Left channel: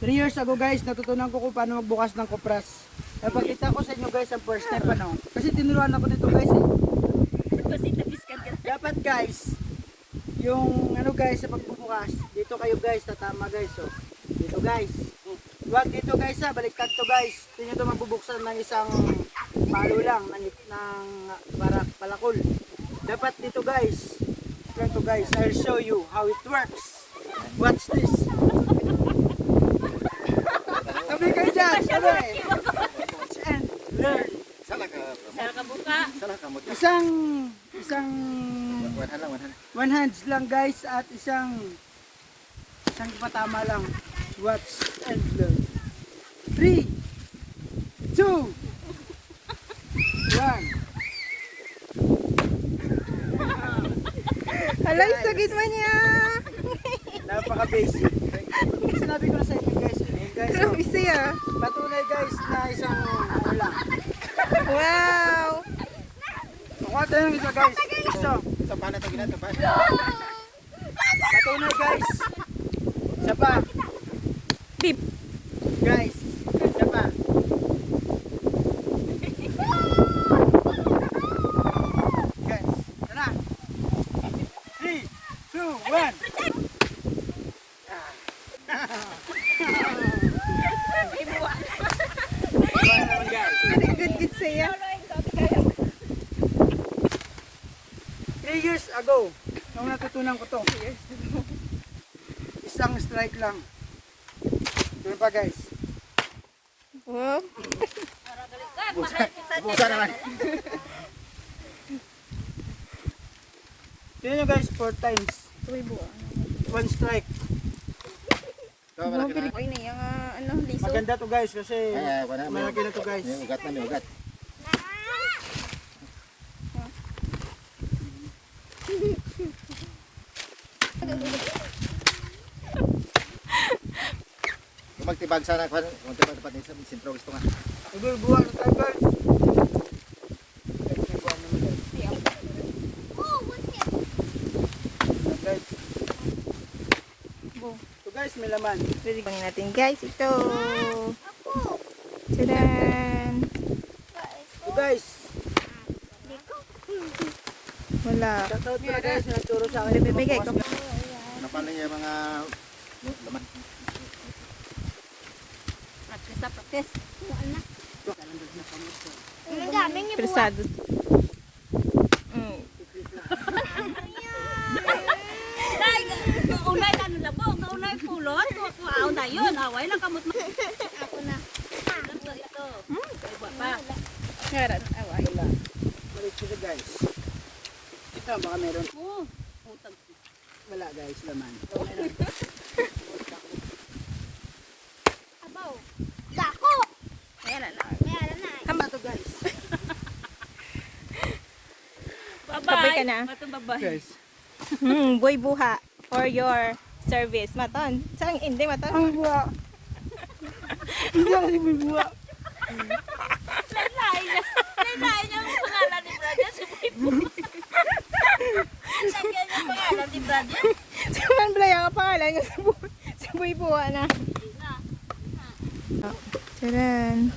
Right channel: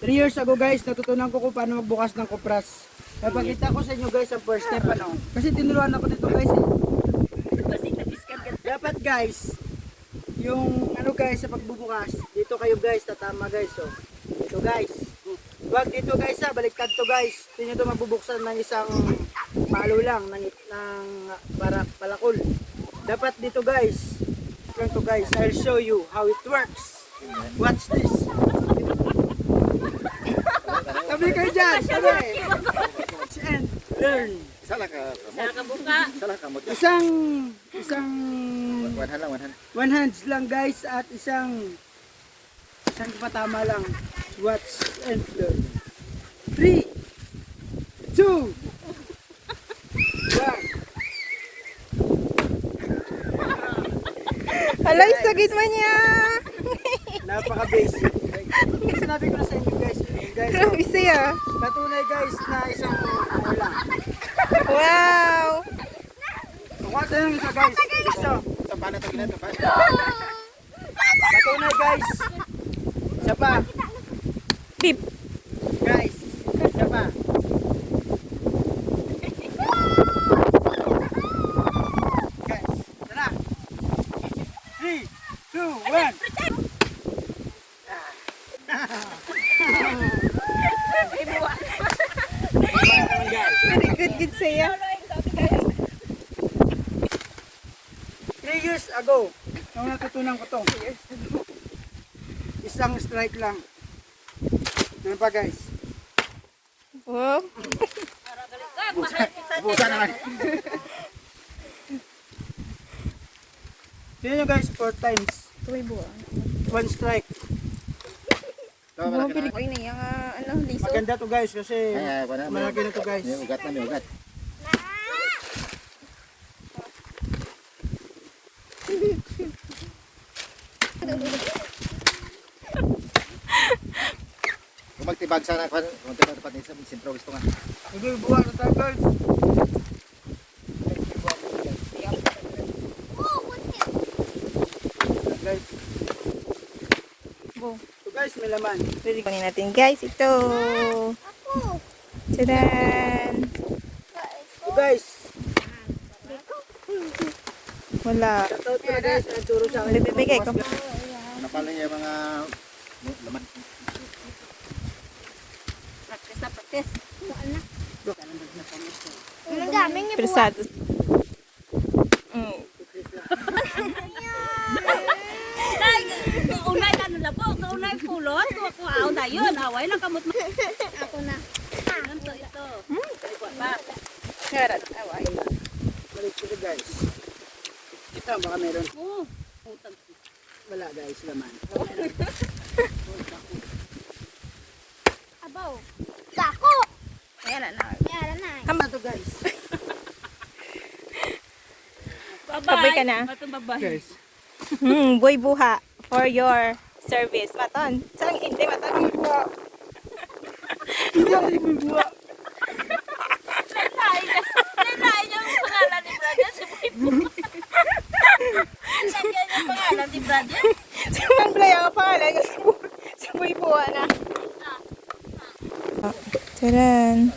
3 years ago guys, natutunan ko kung paano magbukas ng kupras. Napakita ko sa inyo guys ang first step ano. Kasi tinuruan ako nito guys. Dapat guys, yung ano guys sa pagbubukas, dito kayo guys, tatama guys oh. Dito guys. Wag dito guys ha, baliktad to guys. Tingnan to mabubuksan ng isang palo lang ng para palakol. Dapat dito guys. Ito guys, I'll show you how it works. Watch this. Sabi kayo dyan, sabi. Watch and learn. Salah ka buka. Salah ka mo. Isang One hands lang guys at isang patama lang. Watch and learn. 3, 2, 1. Alay, sagit man niya. Napaka-basic. Sinabi ko na sa inyo guys. Guys, Grabe siya. patunay guys na isang ano lang. Wow. Kuha tayo ng isa guys. Isa. Tapan na to gina tapan. Patunay guys. Isa pa. Beep. Guys. Isa pa. Guys. Tara. 3, 2, 1. Very good siya. 3 years ago, nung natutunan ko to. Isang strike lang. Ito pa guys. Wow. Busa naman. Tignan nyo guys, 4 times. Tuloy buwa. 1 strike. Wow, pilik. Uy, na yung liso. Maganda to guys kasi Ay, wala mo. malaki na to guys. May ugat na, may ugat. Kung magtibag sana, kung magtibag sa sentro gusto nga. Hindi, buwan na tayo guys. Guys, Wow. ito guys, may laman. Bang natin guys, ito. Tadaan. Ito guys, Wala. shoutout ko na guys, nagturo sa akin. Bibigay ko. Ano pala yung mga laman? Persado. Mm. Unay ano lang po, unay pulot, kuha na yun, away lang kamot mo. Ako na. Ito. Ngarat, away. Balik ko guys. Ito, baka meron. Oh, Wala guys, laman. abaw. Dako. Ayan na. Meron na. Hama to guys. Sabay ka na. Guys, Boy buha for your service. Maton. Saan hindi, Maton? ang buwa. Hindi ang buwa. Nalain niya ang pangalan ni Brother. Lagyan niya ang pangalan ni Brother. Saan pala yung pangalan niya sa boy buha na? Taran.